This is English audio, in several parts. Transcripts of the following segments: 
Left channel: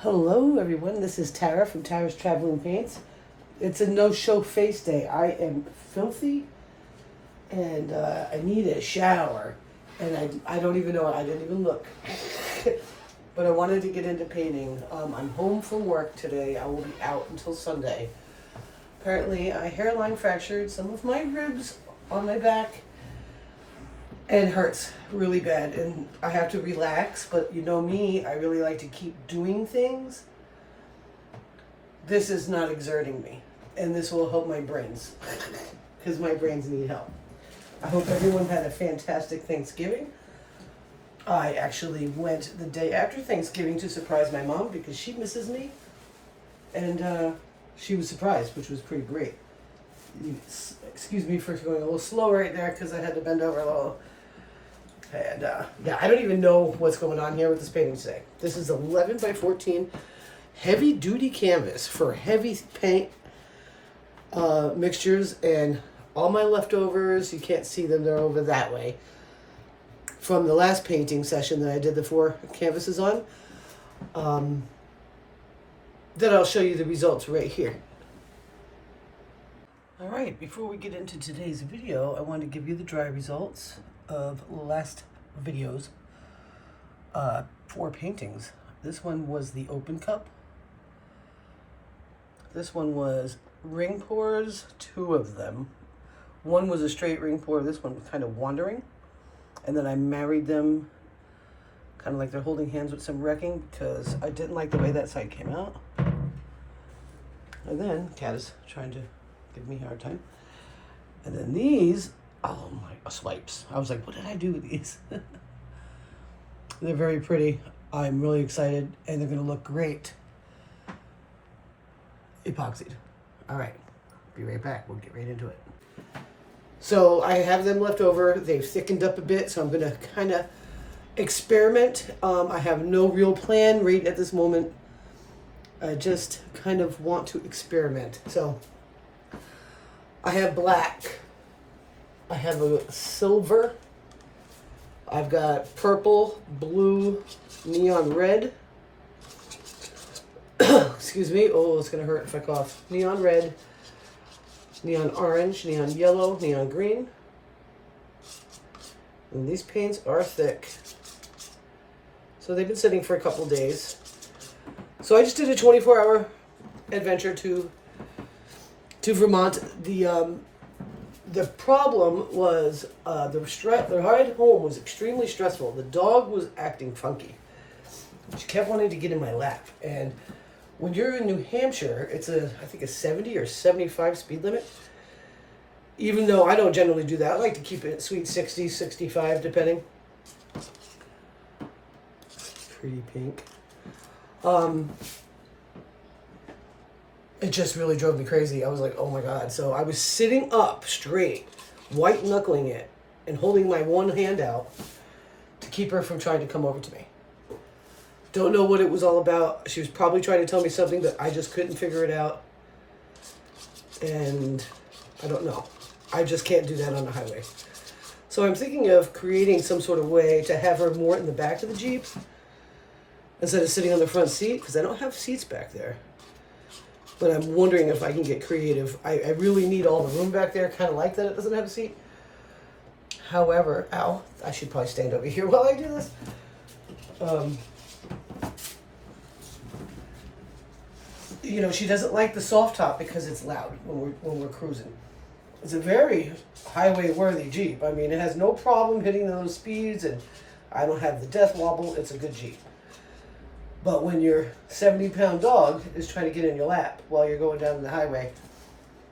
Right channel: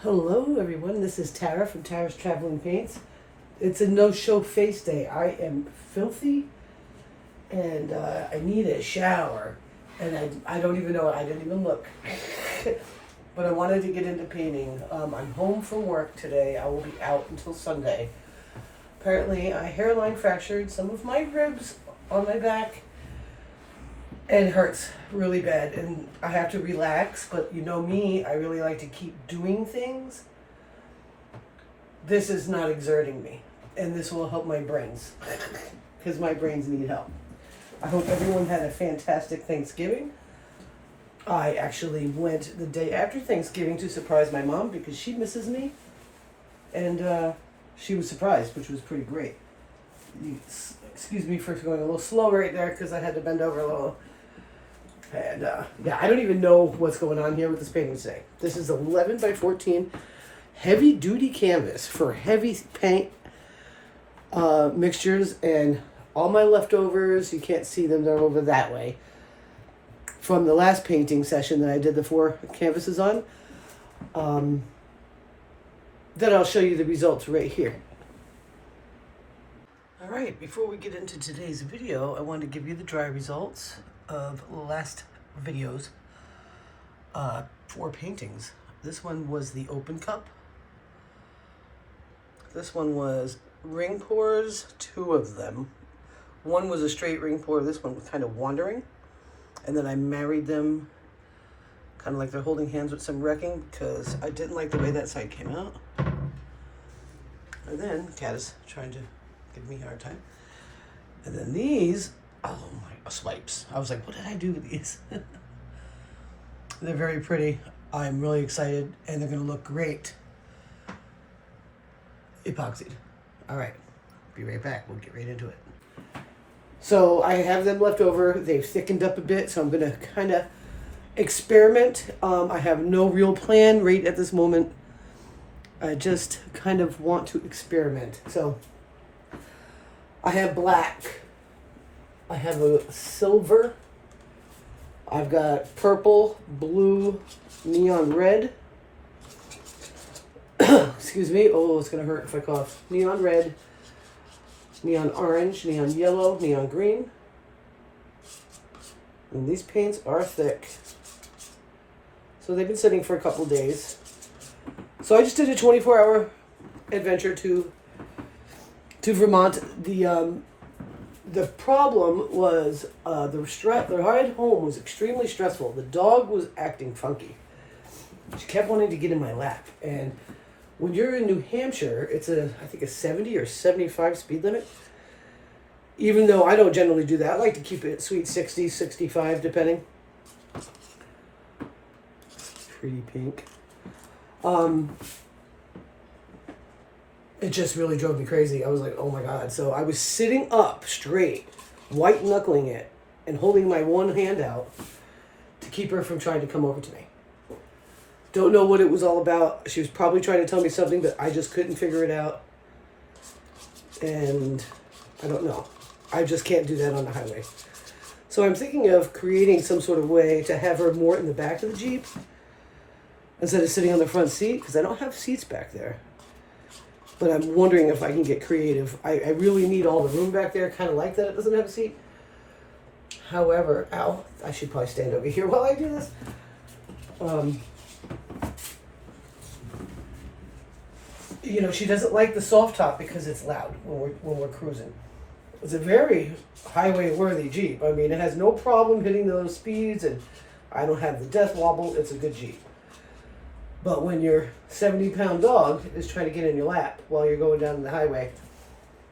Hello everyone, this is Tara from Tara's Traveling Paints. It's a no-show face day. I am filthy and I need a shower. And I don't even know, I didn't even look. But I wanted to get into painting. I'm home from work today. I will be out until Sunday. Apparently I hairline fractured some of my ribs on my back and it hurts really bad, and I have to relax, but you know me, I really like to keep doing things. This is not exerting me, and this will help my brains, because my brains need help. I hope everyone had a fantastic Thanksgiving. I actually went the day after Thanksgiving to surprise my mom, because she misses me, and she was surprised, which was pretty great. Excuse me for going a little slow right there, because I had to bend over a little. And yeah, I don't even know what's going on here with this painting today. This is 11 by 14 heavy duty canvas for heavy paint mixtures, and all my leftovers, you can't see them, they're over that way, from the last painting session that I did the 4 canvases on. Then I'll show you the results right here. All right, before we get into today's video, I want to give you the dry results of last videos. 4 paintings. This one was the open cup. This one was ring pours, 2 of them. One was a straight ring pour, this one was kind of wandering. And then I married them kind of like they're holding hands with some wrecking, because I didn't like the way that side came out. And then Kat is trying to give me a hard time. And then these, oh my, swipes. I was like, what did I do with these? They're very pretty. I'm really excited, and they're gonna look great epoxied. All right, be right back. We'll get right into it. So I have them left over. They've thickened up a bit, so I'm gonna kind of experiment. I have no real plan right at this moment. I just kind of want to experiment. So I have black. I have a silver. I've got purple, blue, neon red. Excuse me. Oh, it's going to hurt if I cough. Neon red, neon orange, neon yellow, neon green. And these paints are thick. So they've been sitting for a couple days. So I just did a 24-hour adventure to Vermont. The problem was the ride home was extremely stressful. The dog was acting funky. She kept wanting to get in my lap. And when you're in New Hampshire, it's I think a 70 or 75 speed limit. Even though I don't generally do that. I like to keep it sweet 60, 65, depending. Pretty pink. It just really drove me crazy. I was like, oh my God. So I was sitting up straight, white knuckling it, and holding my one hand out to keep her from trying to come over to me. Don't know what it was all about. She was probably trying to tell me something, but I just couldn't figure it out. And I don't know. I just can't do that on the highway. So I'm thinking of creating some sort of way to have her more in the back of the Jeep instead of sitting on the front seat, because I don't have seats back there. But I'm wondering if I can get creative. I really need all the room back there. Kind of like that it doesn't have a seat. However, ow, I should probably stand over here while I do this. You know, she doesn't like the soft top because it's loud when we're cruising. It's a very highway-worthy Jeep. I mean, it has no problem hitting those speeds, and I don't have the death wobble. It's a good Jeep. But when your 70-pound dog is trying to get in your lap while you're going down the highway,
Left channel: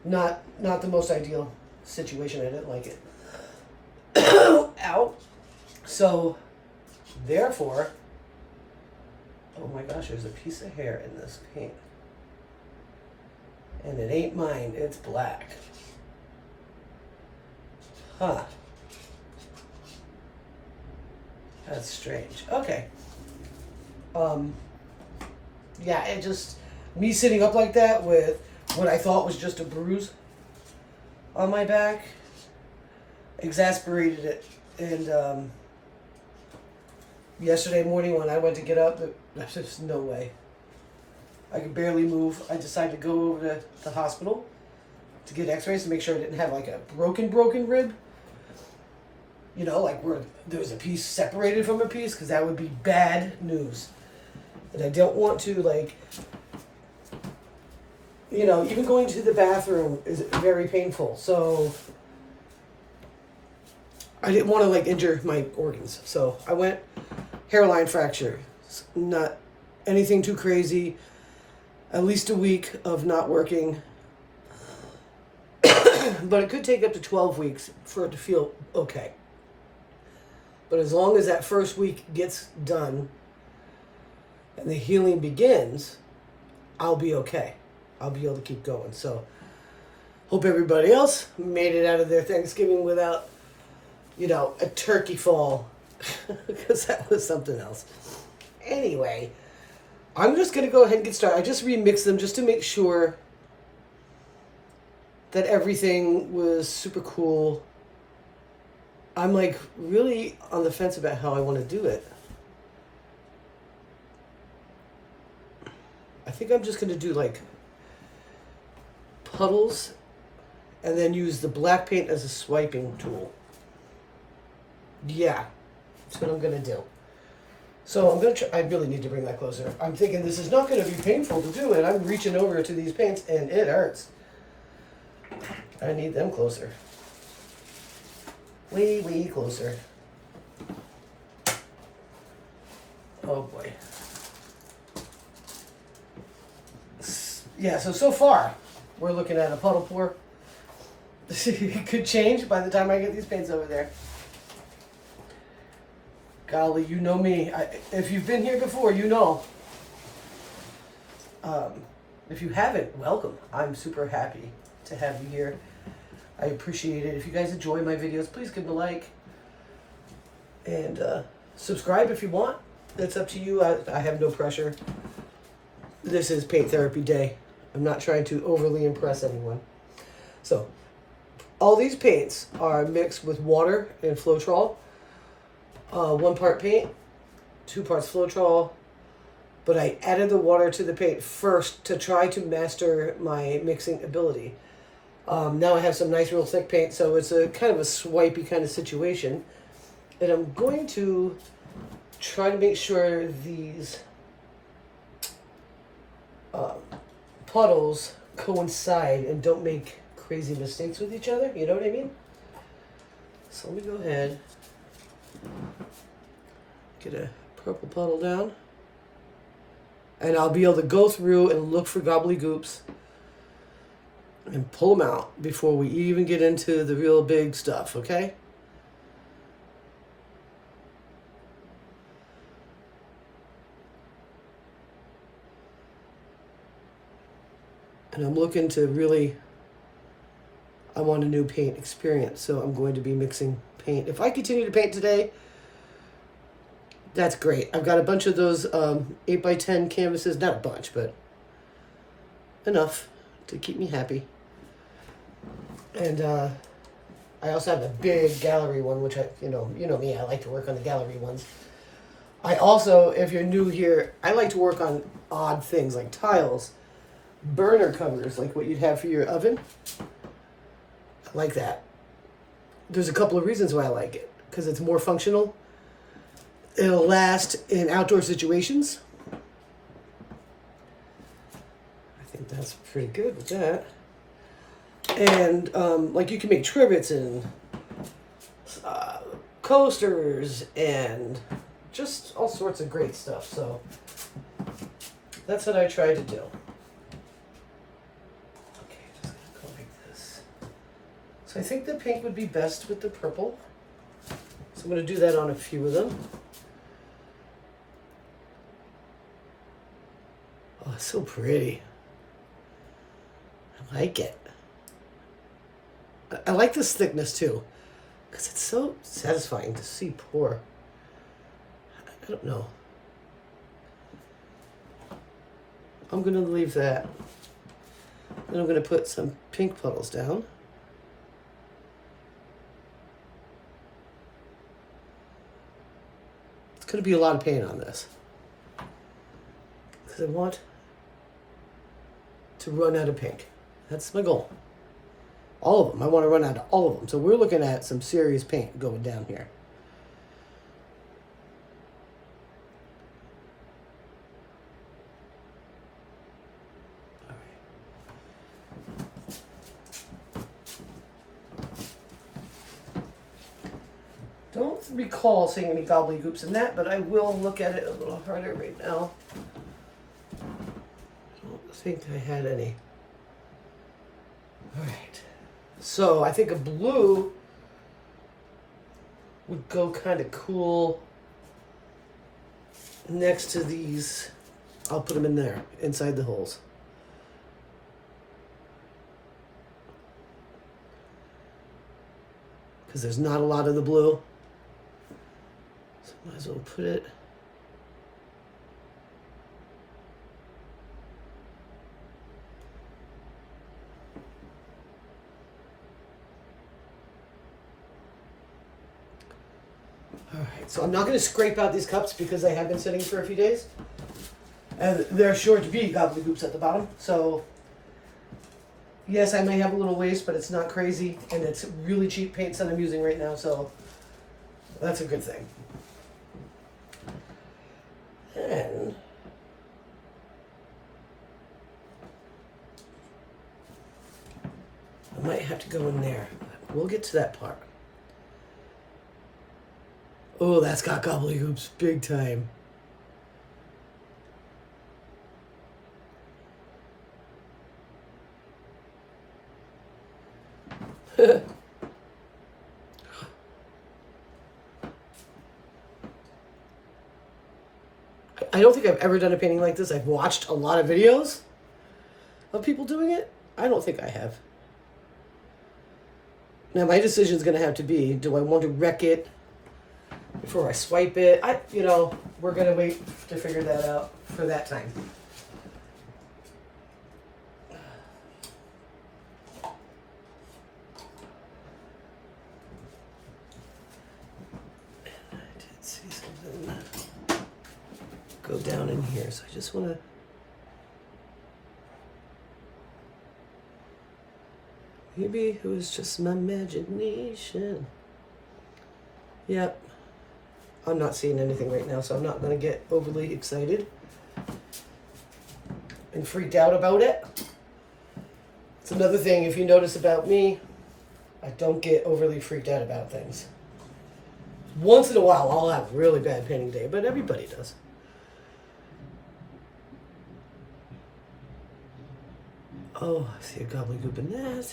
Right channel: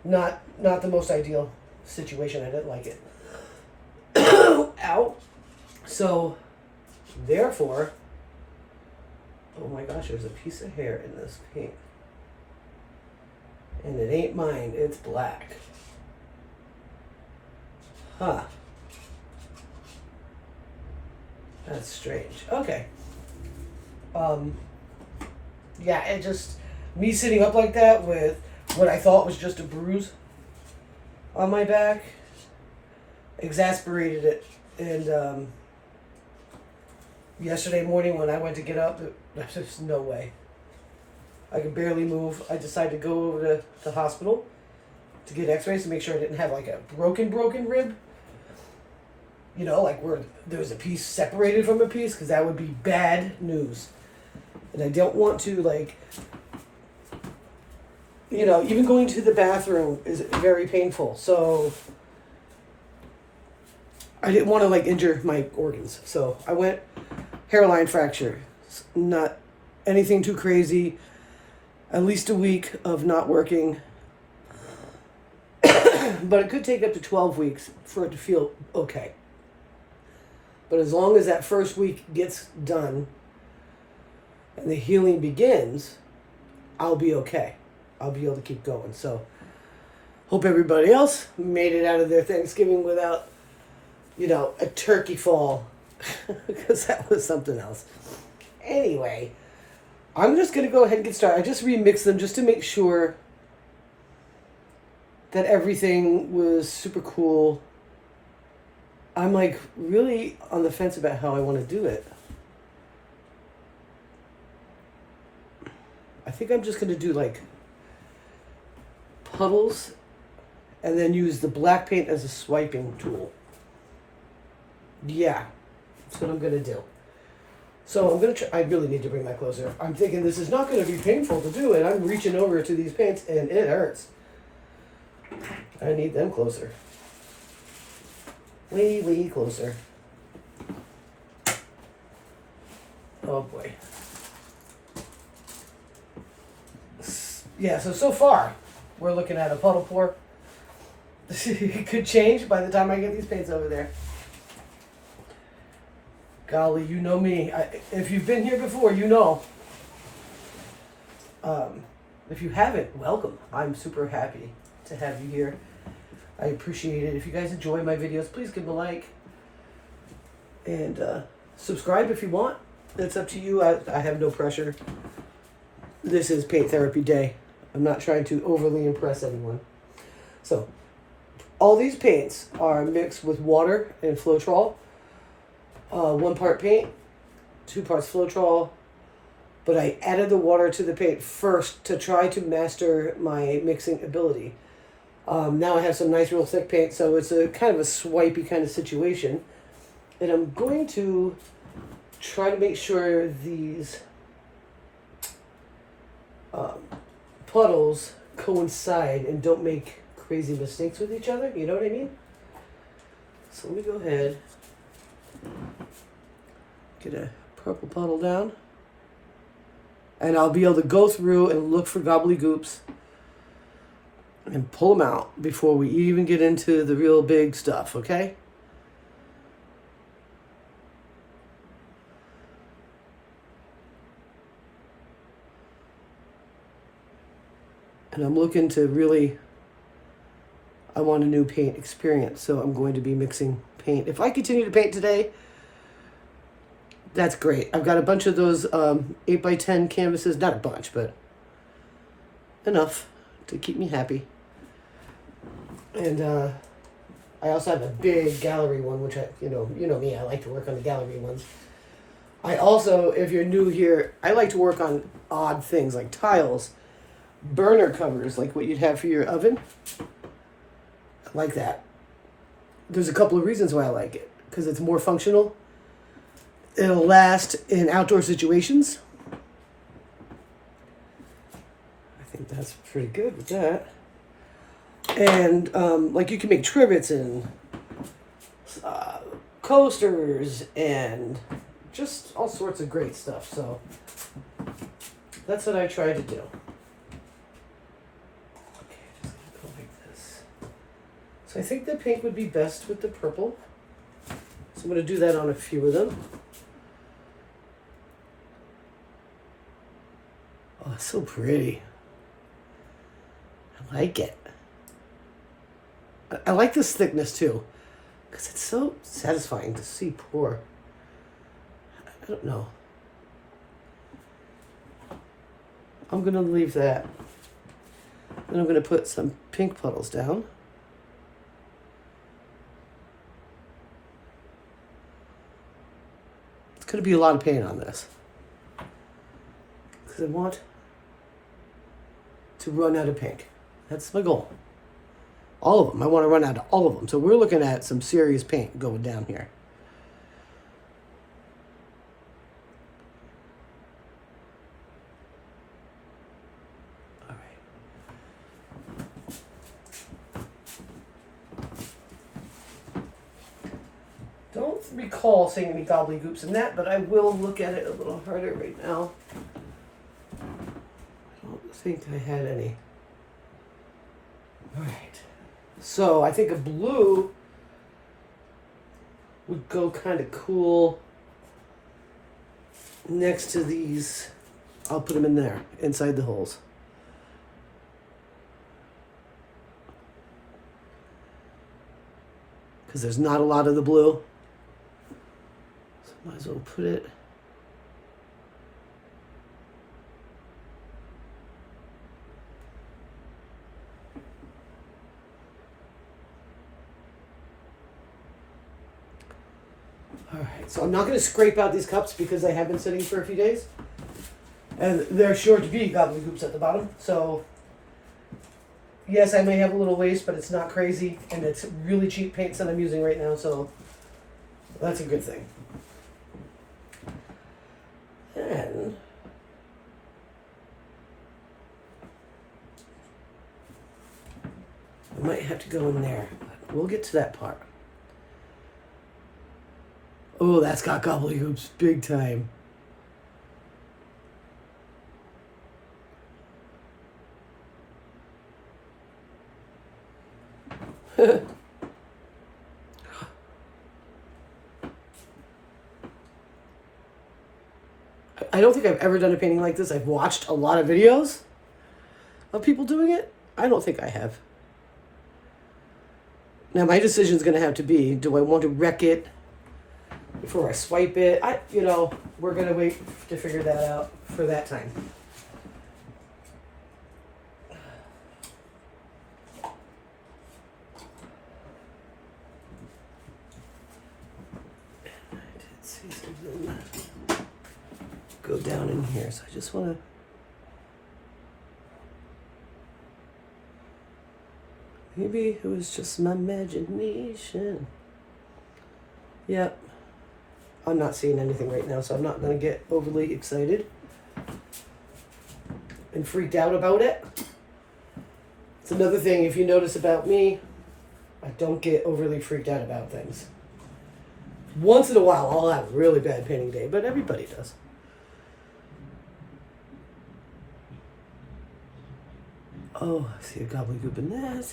not the most ideal situation. I didn't like it. Ow. So, therefore, oh my gosh, there's a piece of hair in this paint. And it ain't mine, it's black. Huh. That's strange. Okay. Yeah, it just, me sitting up like that with what I thought was just a bruise on my back exasperated it. And yesterday morning when I went to get up, there's just no way. I could barely move. I decided to go over to the hospital to get x-rays to make sure I didn't have like a broken rib. You know, like where there's a piece separated from a piece, because that would be bad news. And I don't want to, like, you know, even going to the bathroom is very painful. So I didn't want to, like, injure my organs. So I went hairline fracture. Not anything too crazy. At least a week of not working. But it could take up to 12 weeks for it to feel okay. But as long as that first week gets done and the healing begins, I'll be okay. I'll be able to keep going. So, hope everybody else made it out of their Thanksgiving without, you know, a turkey fall. Because that was something else. Anyway, I'm just going to go ahead and get started. I just remixed them just to make sure that everything was super cool. I'm like really on the fence about how I want to do it. I think I'm just going to do like puddles and then use the black paint as a swiping tool. Yeah, that's what I'm going to do. So I'm going to try, I really need to bring that closer. I'm thinking this is not going to be painful to do it. I'm reaching over to these paints and it hurts. I need them closer. Way closer. Oh boy. Yeah, so far, we're looking at a puddle pour. It could change by the time I get these paints over there. Golly, you know me. If you've been here before, you know. If you haven't, welcome. I'm super happy to have you here. I appreciate it. If you guys enjoy my videos, please give them a like. And subscribe if you want. It's up to you. I have no pressure. This is paint therapy day. I'm not trying to overly impress anyone. So, all these paints are mixed with water and Floetrol. 1 part paint, 2 parts Floetrol. But I added the water to the paint first to try to master my mixing ability. Now I have some nice real thick paint, so it's a kind of a swipey kind of situation. And I'm going to try to make sure these puddles coincide and don't make crazy mistakes with each other. You know what I mean? So let me go ahead, get a purple puddle down. And I'll be able to go through and look for gobblygoops and pull them out before we even get into the real big stuff, okay? And I'm looking to really, I want a new paint experience, so I'm going to be mixing paint. If I continue to paint today, that's great. I've got a bunch of those 8x10 canvases, not a bunch, but enough to keep me happy. And I also have a big gallery one, which you know me, I like to work on the gallery ones. I also, if you're new here, I like to work on odd things like tiles, burner covers, like what you'd have for your oven. I like that. There's a couple of reasons why I like it. Because it's more functional. It'll last in outdoor situations. I think that's pretty good with that. And like you can make trivets and coasters and just all sorts of great stuff. So that's what I tried to do. Okay, just gonna go like this. So I think the pink would be best with the purple. So I'm gonna do that on a few of them. Oh, it's so pretty. I like it. I like this thickness too, because it's so satisfying to see pour. I don't know. I'm going to leave that. Then I'm going to put some pink puddles down. It's going to be a lot of paint on this, because I want to run out of pink. That's my goal. All of them. I want to run out of all of them. So we're looking at some serious paint going down here. Don't recall seeing any gobbledygooks in that, but I will look at it a little harder right now. I don't think I had any. All right. So I think a blue would go kind of cool next to these. I'll put them in there, inside the holes. Because there's not a lot of the blue. Might as well put it. All right, so I'm not going to scrape out these cups because they have been sitting for a few days. And they're sure to be gobbledygooks at the bottom. So, yes, I may have a little waste, but it's not crazy. And it's really cheap paints that I'm using right now, so that's a good thing. And I might have to go in there. We'll get to that part. Oh, that's got gobbledygooks big time. I don't think I've ever done a painting like this. I've watched a lot of videos of people doing it. I don't think I have. Now my decision is going to have to be, do I want to wreck it before I swipe it? We're going to wait to figure that out for that time. I did see something go down in here, so I just want to maybe it was just my imagination. Yep. I'm not seeing anything right now, so I'm not going to get overly excited and freaked out about it. It's another thing, if you notice about me, I don't get overly freaked out about things. Once in a while, I'll have a really bad painting day, but everybody does. Oh, I see a gobbledygook in that.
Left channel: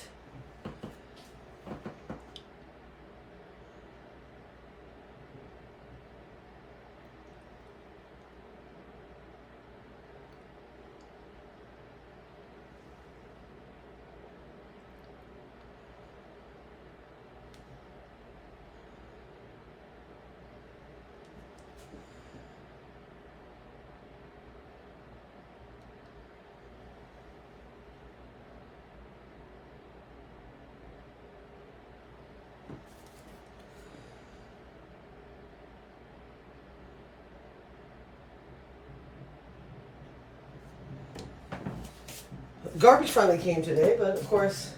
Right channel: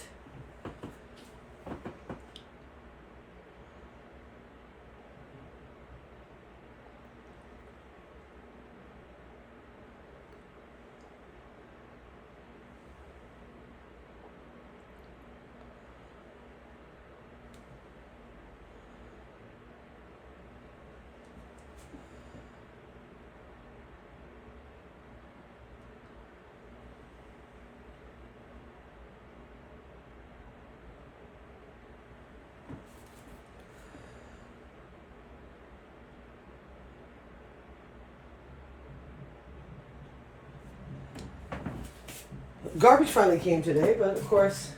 Garbage finally came today, but of course,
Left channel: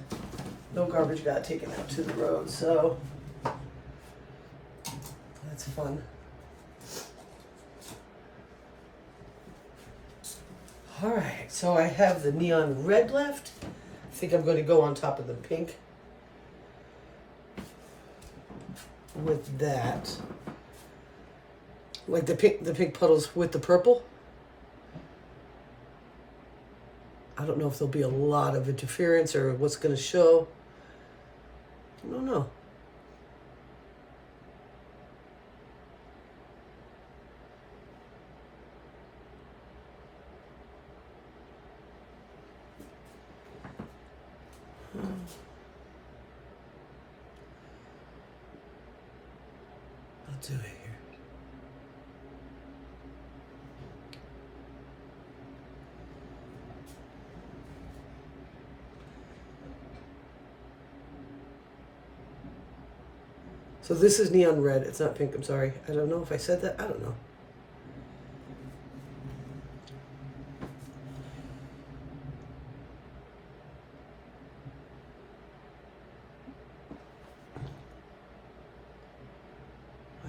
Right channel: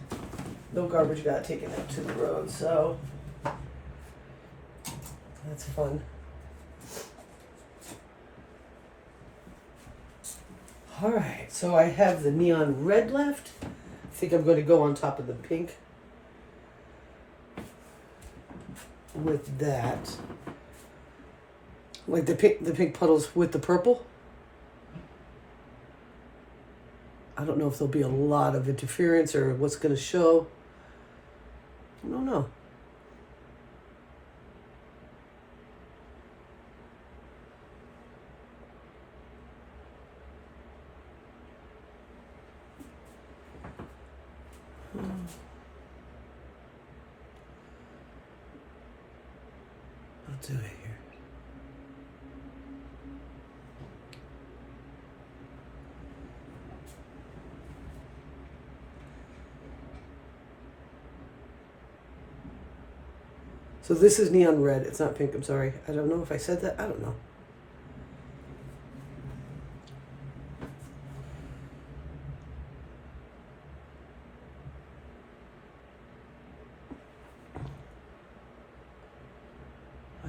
no garbage got taken out to the road, so that's fun. All right, so I have the neon red left. I think I'm going to go on top of the pink with that. Like the pink puddles with the purple. I don't know if there'll be a lot of interference or what's going to show. I don't know. Let's do it here. So this is neon red. It's not pink. I'm sorry. I don't know if I said that. I don't know.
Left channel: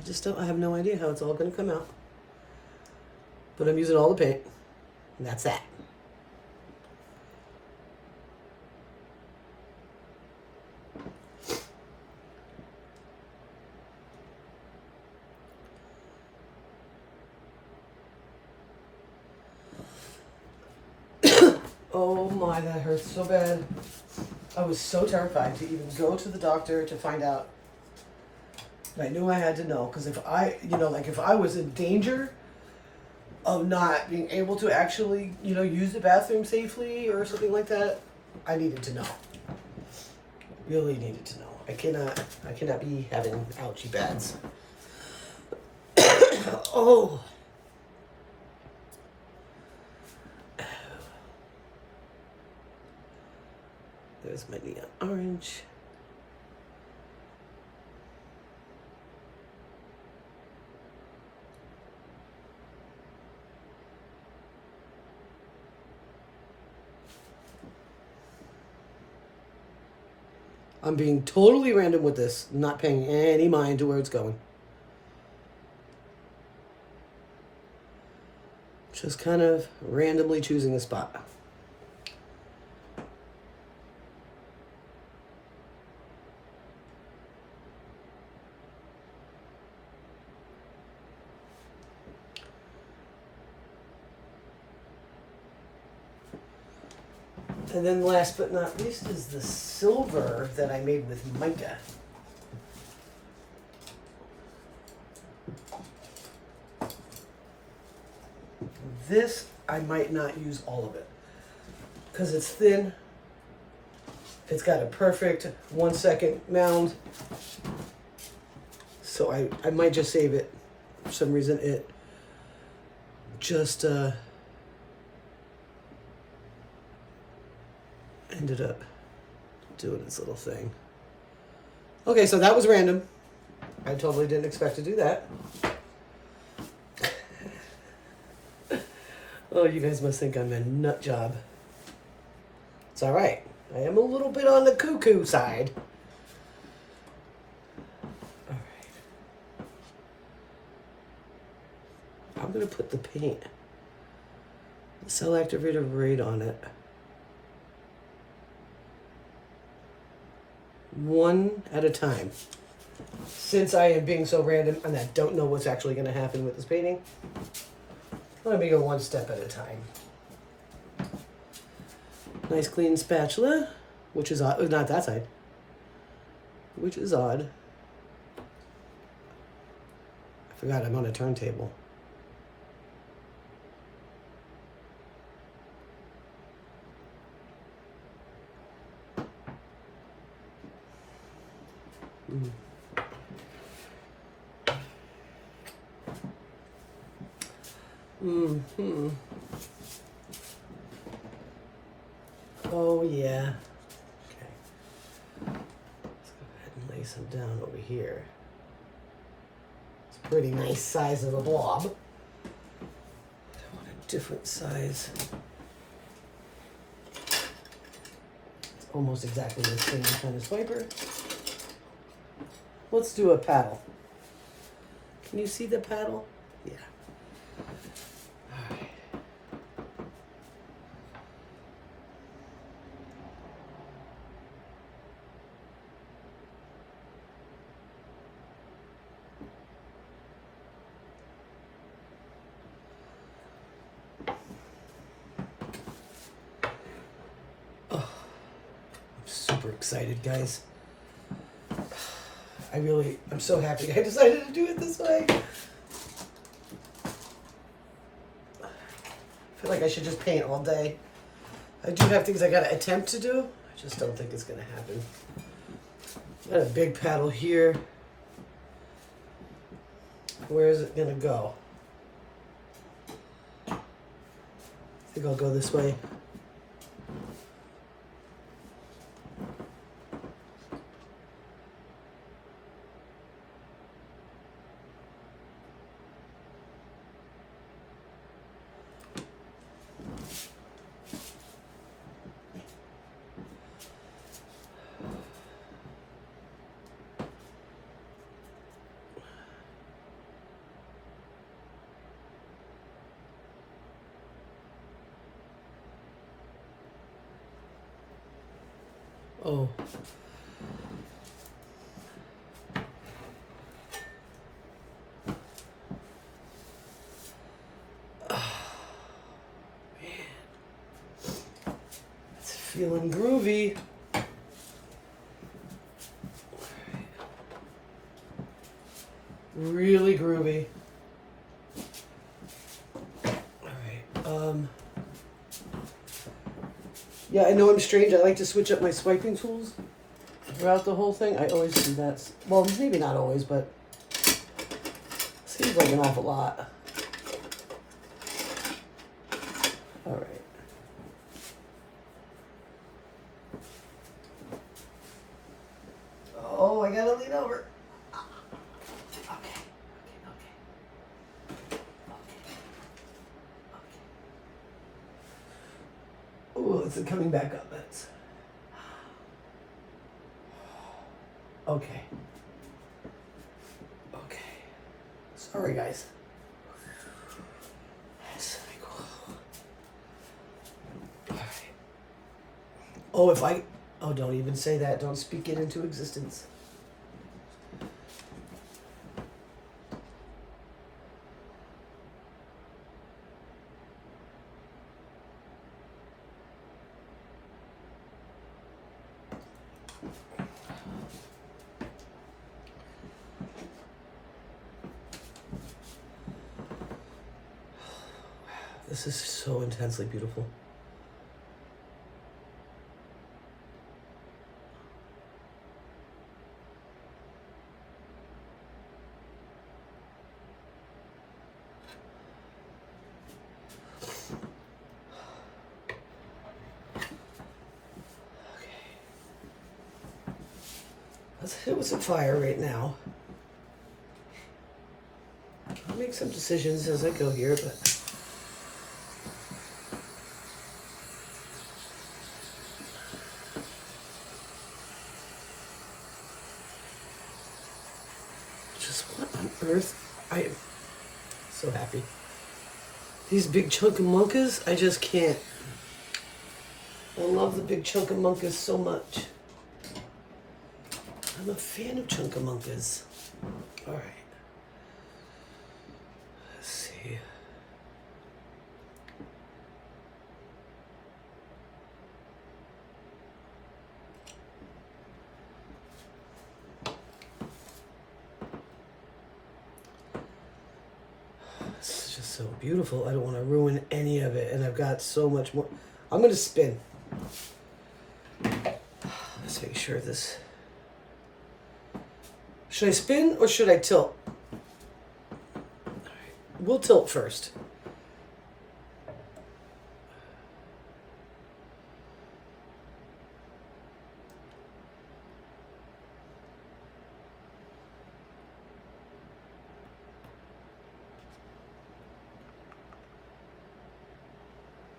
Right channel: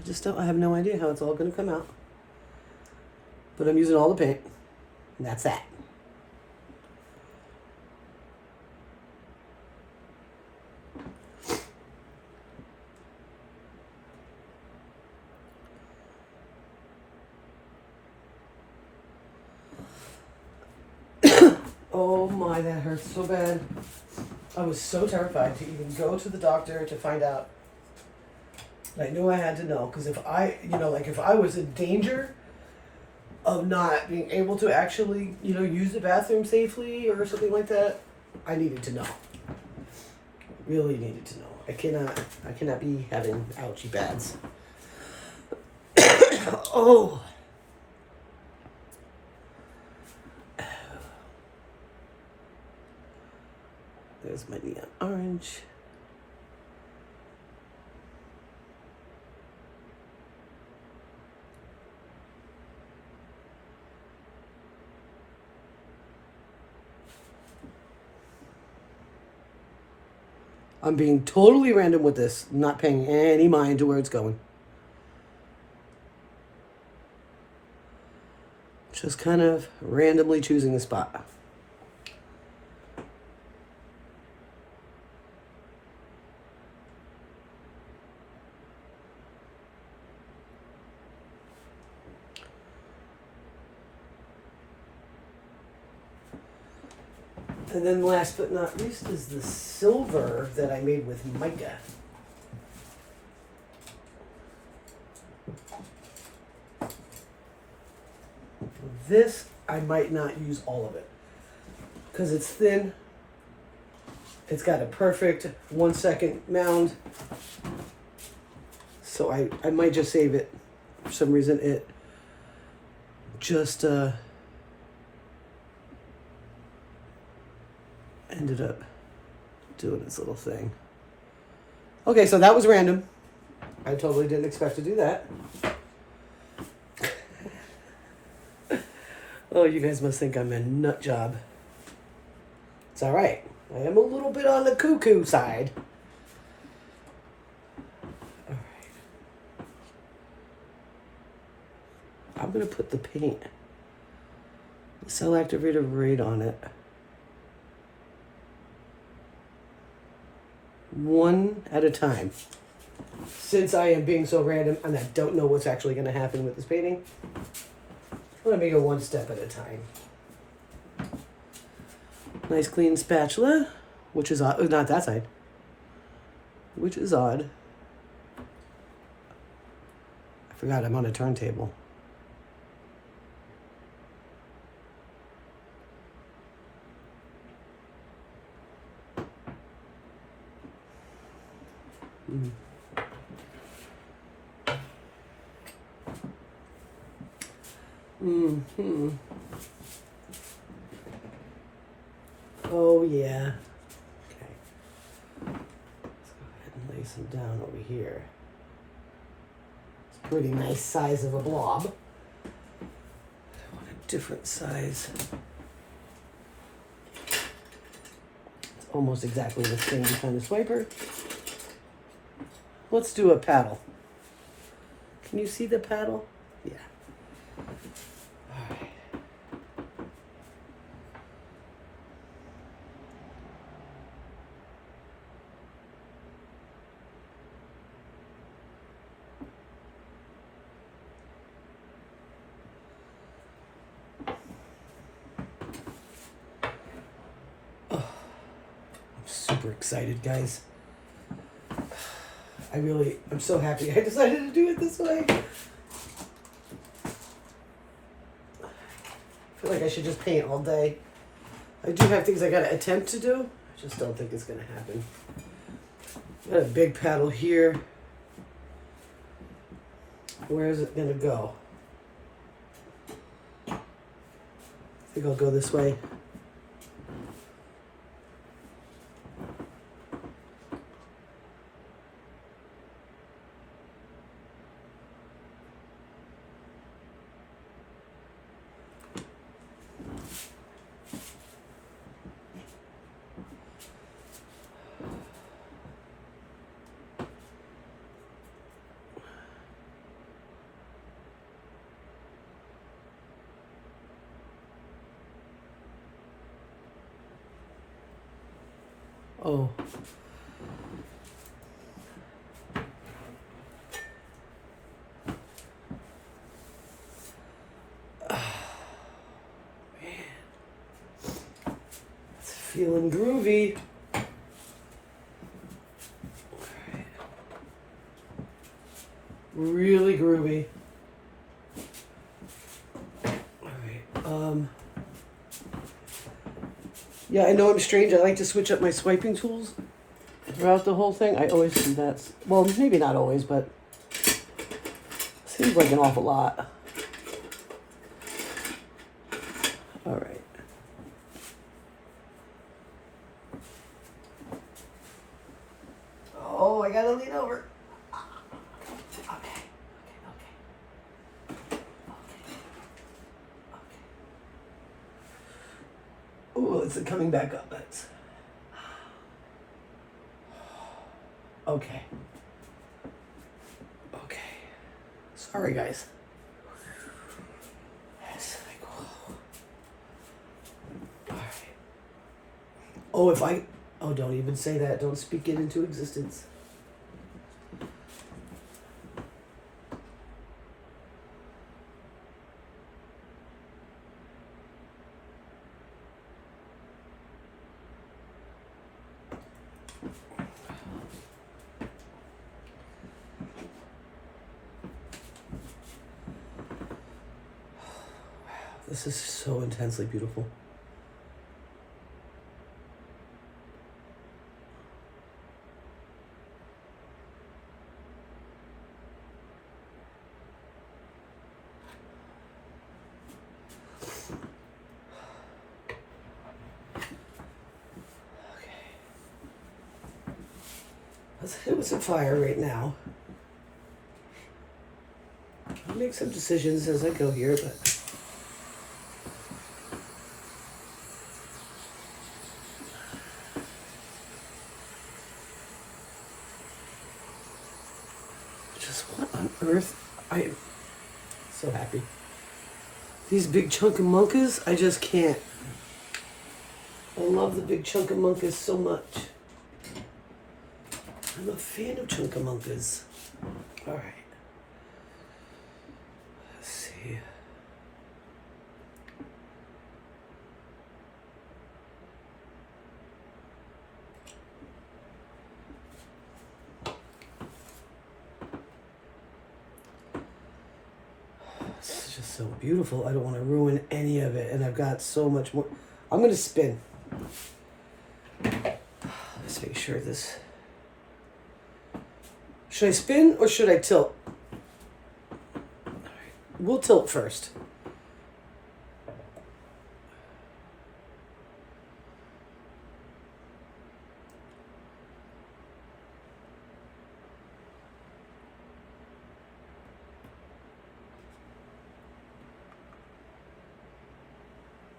I have no idea how it's all going to come out. But I'm using all the paint. And that's that. Oh my, that hurts so bad. I was so terrified to even go to the doctor to find out. I knew I had to know, because if I was in danger of not being able to actually, use the bathroom safely or something like that, I needed to know. Really needed to know. I cannot be having ouchie bads. Oh. There's my neon orange. I'm being totally random with this, not paying any mind to where it's going. Just kind of randomly choosing a spot. And then last but not least is the silver that I made with mica. This, I might not use all of it because it's thin. It's got a perfect 1 second mound. So I might just save it. For some reason it just ended up doing its little thing. Okay, so that was random. I totally didn't expect to do that. Oh, you guys must think I'm a nut job. It's all right. I am a little bit on the cuckoo side. All right. I'm going to put the paint, the cell activator right on it. One at a time. Since I am being so random and I don't know what's actually going to happen with this painting, I'm going to go one step at a time. Nice clean spatula, which is odd. Not that side. Which is odd. I forgot I'm on a turntable. Mm-hmm. Oh, yeah. Okay. Let's go ahead and lay some down over here. It's a pretty nice size of a blob. I want a different size. It's almost exactly the same kind of swiper. Let's do a paddle. Can you see the paddle? Yeah. All right. Oh, I'm super excited, guys. I'm so happy I decided to do it this way. I feel like I should just paint all day. I do have things I gotta attempt to do. I just don't think it's gonna happen. Got a big paddle here. Where is it gonna go? I think I'll go this way. Oh. Feeling groovy. Really groovy. Alright. Yeah, I know I'm strange. I like to switch up my swiping tools throughout the whole thing. I always do that. Well, maybe not always, but seems like an awful lot. Alright. Oh, I gotta lean over. Okay. Ooh, it's coming back up. That's okay. Okay. Sorry, guys. That's like, all right. Oh, if I. Oh, don't even say that. Don't speak it into existence. This is so intensely beautiful. Let's hit with some fire right now. I'll make some decisions as I go here, but just what on earth? I am so happy. These big chunkamunkas, I just can't. I love the big chunkamunkas so much. I'm a fan of chunkamunkas. All right. Let's see. This is just so beautiful. I don't want to ruin any of it, and I've got so much more. I'm going to spin. Let's make sure this... Should I spin or should I tilt? We'll tilt first.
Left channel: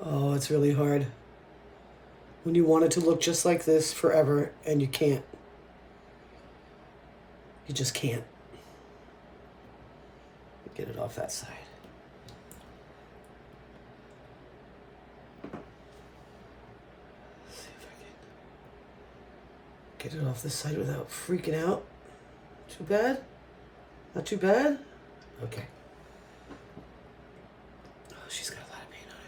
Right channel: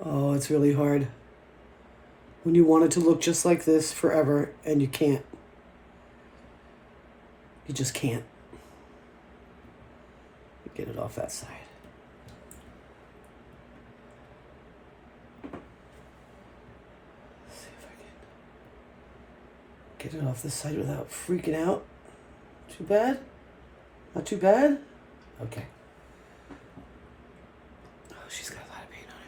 Oh, it's really hard. When you want it to look just like this forever and you can't. You just can't. Get it off that side. Let's see if I can get it off this side without freaking out. Too bad? Not too bad? Okay. Oh, she's got a lot of paint on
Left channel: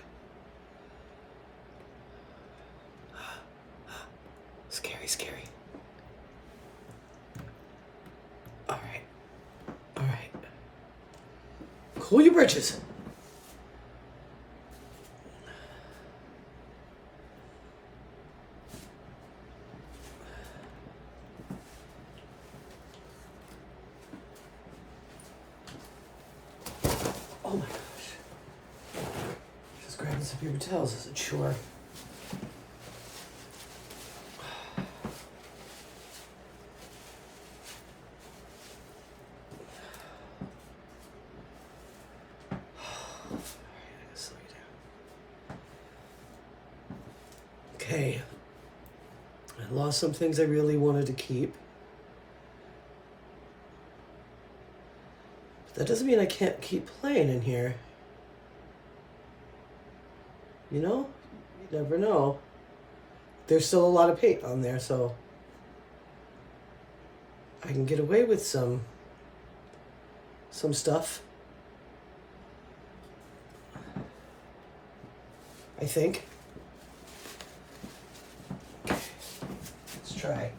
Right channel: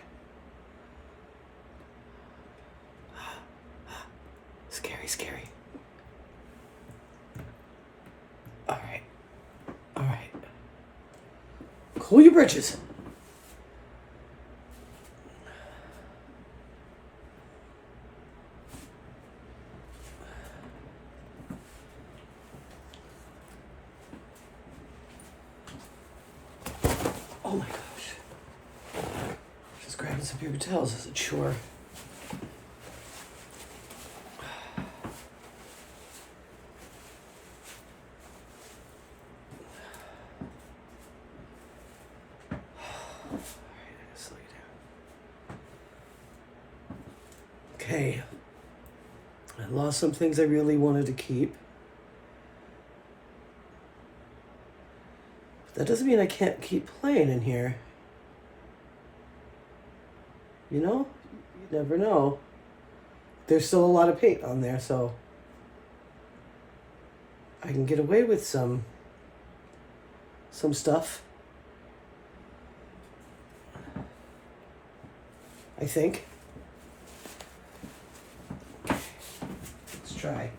it. Scary, scary. All right. Cool your britches. Oh my gosh. Just grabbing some paper towels as a chore. Okay, I lost some things I really wanted to keep. That doesn't mean I can't keep playing in here. You know? You never know. there's still a lot of paint on there, so I can get away with some stuff. I think. Okay. Let's try.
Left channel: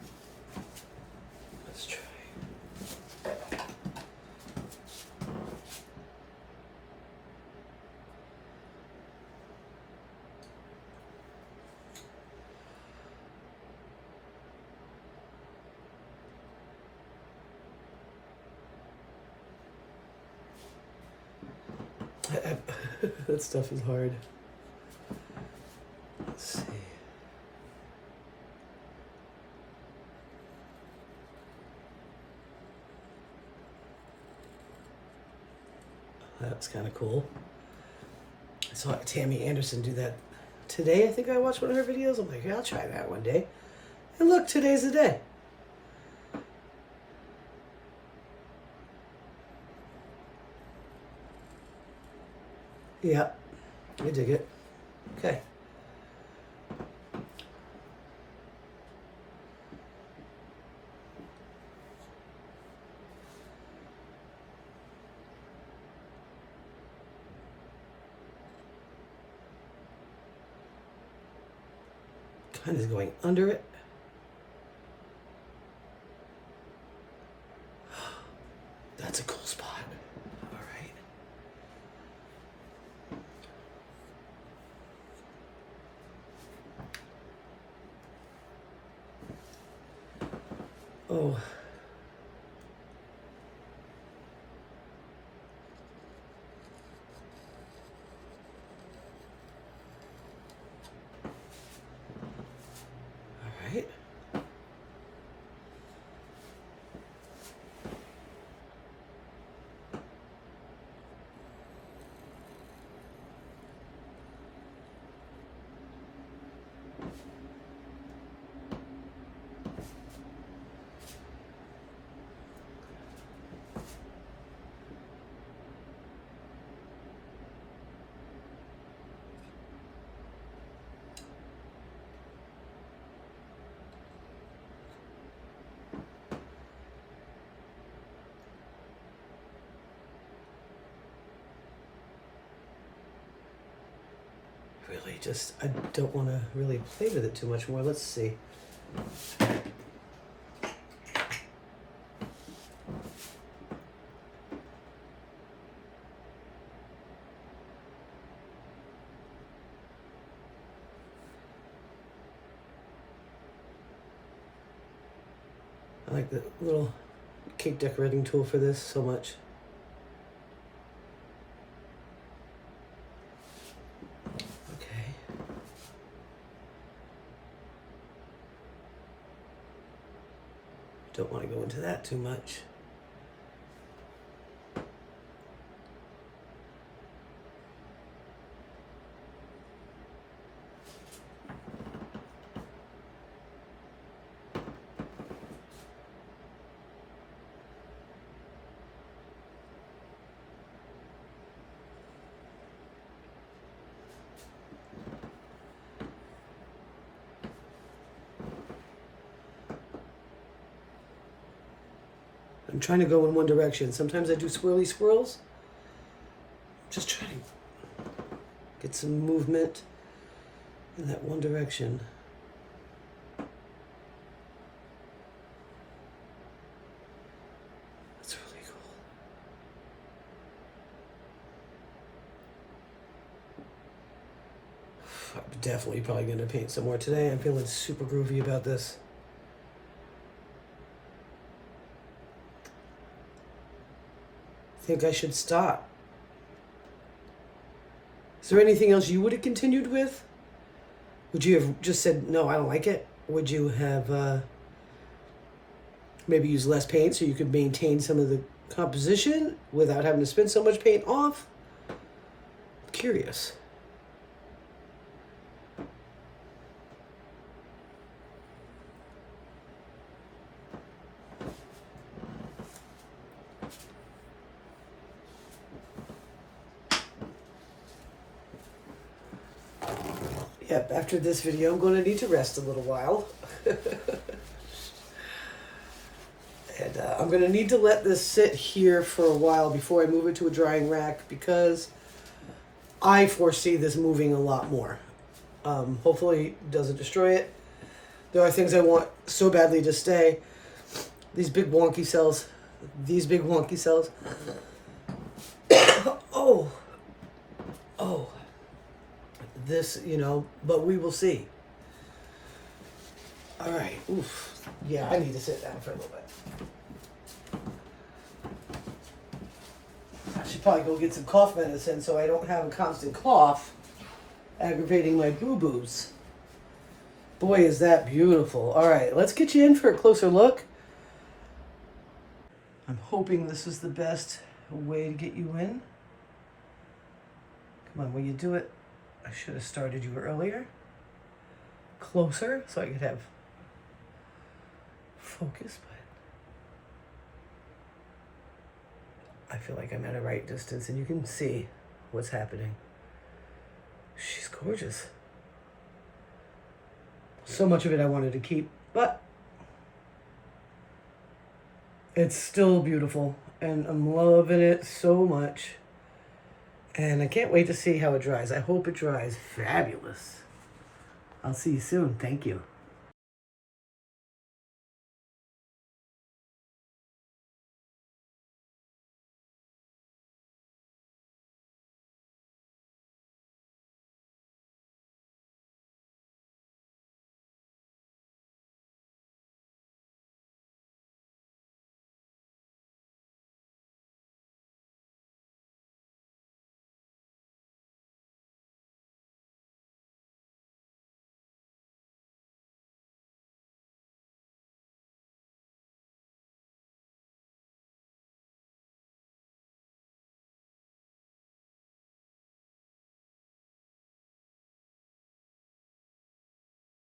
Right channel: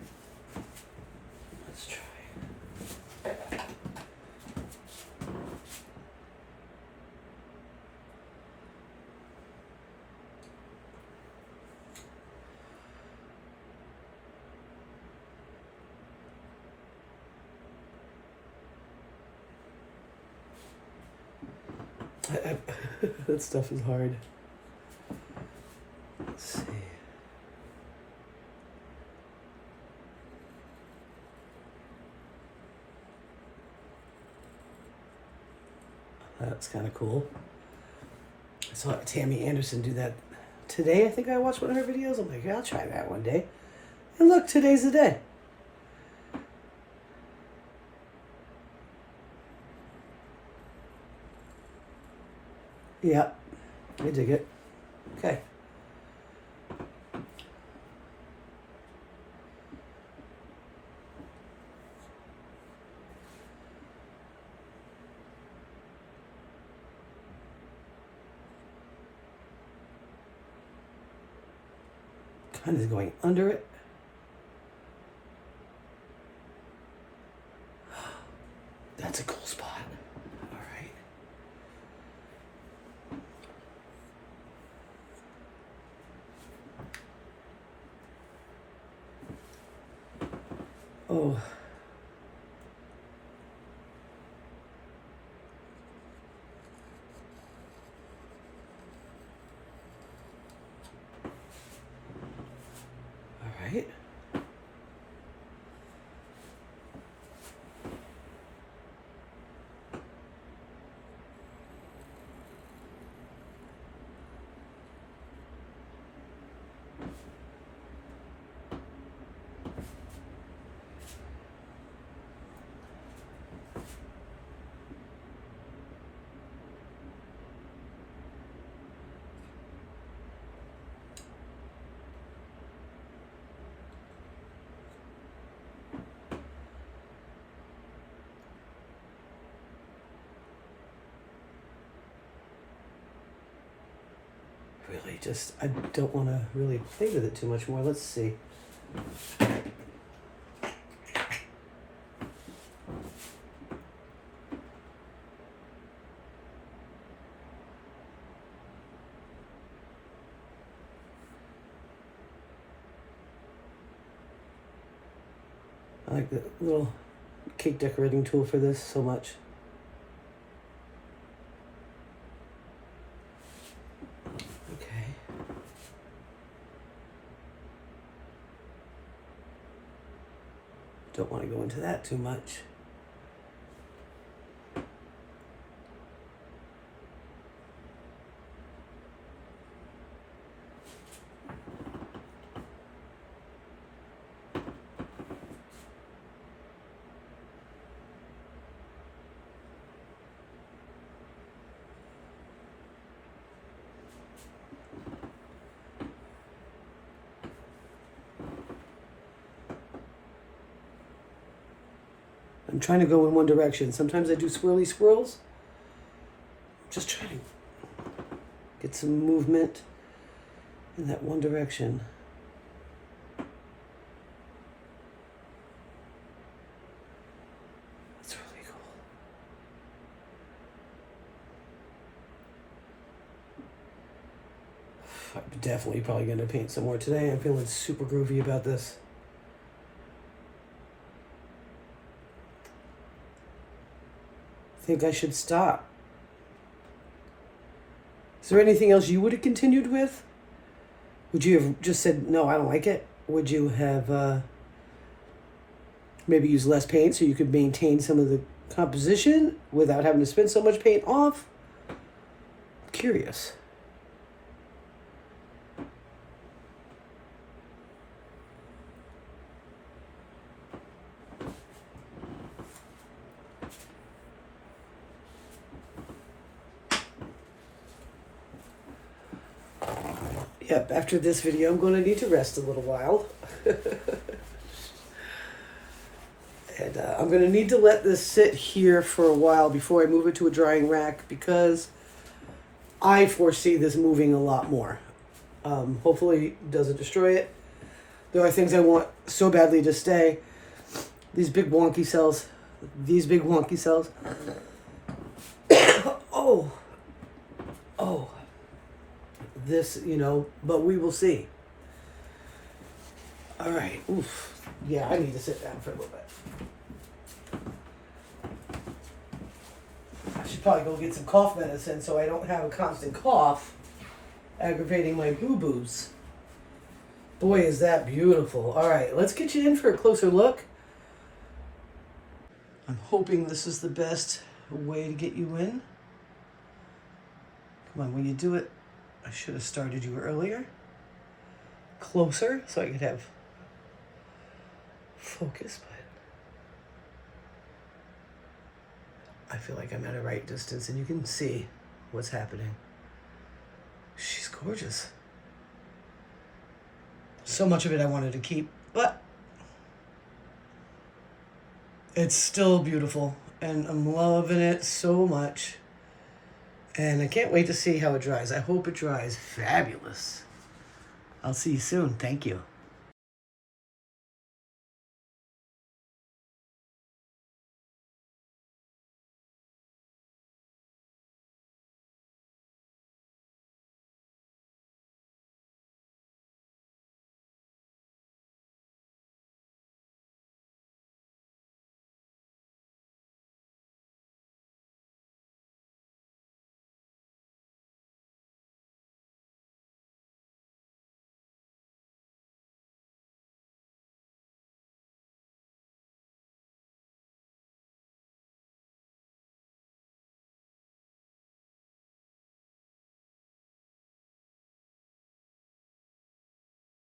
That stuff is hard. Let's see. That's kind of cool. I saw Tammy Anderson do that today. I think I watched one of her videos. I'm like, yeah, I'll try that one day. And look, today's the day. Yeah, I dig it. Okay. Kind of going under it. That's a cool spot. All right. Oh. All right. Really, just, I don't want to really play with it too much more. Let's see. I like the little cake decorating tool for this so much. Okay. Don't want to go into that too much. I'm trying to go in one direction. Sometimes I do swirly swirls. Just trying to get some movement in that one direction. That's really cool. I'm definitely probably going to paint some more today. I'm feeling super groovy about this. I think I should stop. Is there anything else you would have continued with? Would you have just said, no, I don't like it? Would you have maybe used less paint so you could maintain some of the composition without having to spend so much paint off? I'm curious. Yep, after this video, I'm going to need to rest a little while. And I'm going to need to let this sit here for a while before I move it to a drying rack because I foresee this moving a lot more. Hopefully it doesn't destroy it. There are things I want so badly to stay. These big wonky cells. These big wonky cells. Oh. Oh. This, you know, but we will see. All right. Oof. Yeah, I need to sit down for a little bit. I should probably go get some cough medicine so I don't have a constant cough aggravating my boo-boos. Boy, is that beautiful. All right, let's get you in for a closer look. I'm hoping this is the best way to get you in. Come on, will you do it? I should have started you earlier. Closer so I could have focus, but I feel like I'm at a right distance and you can see what's happening. She's gorgeous. So much of it I wanted to keep, but it's still beautiful and I'm loving it so much. And I can't wait to see how it dries. I hope it dries fabulous. I'll see you soon. Thank you.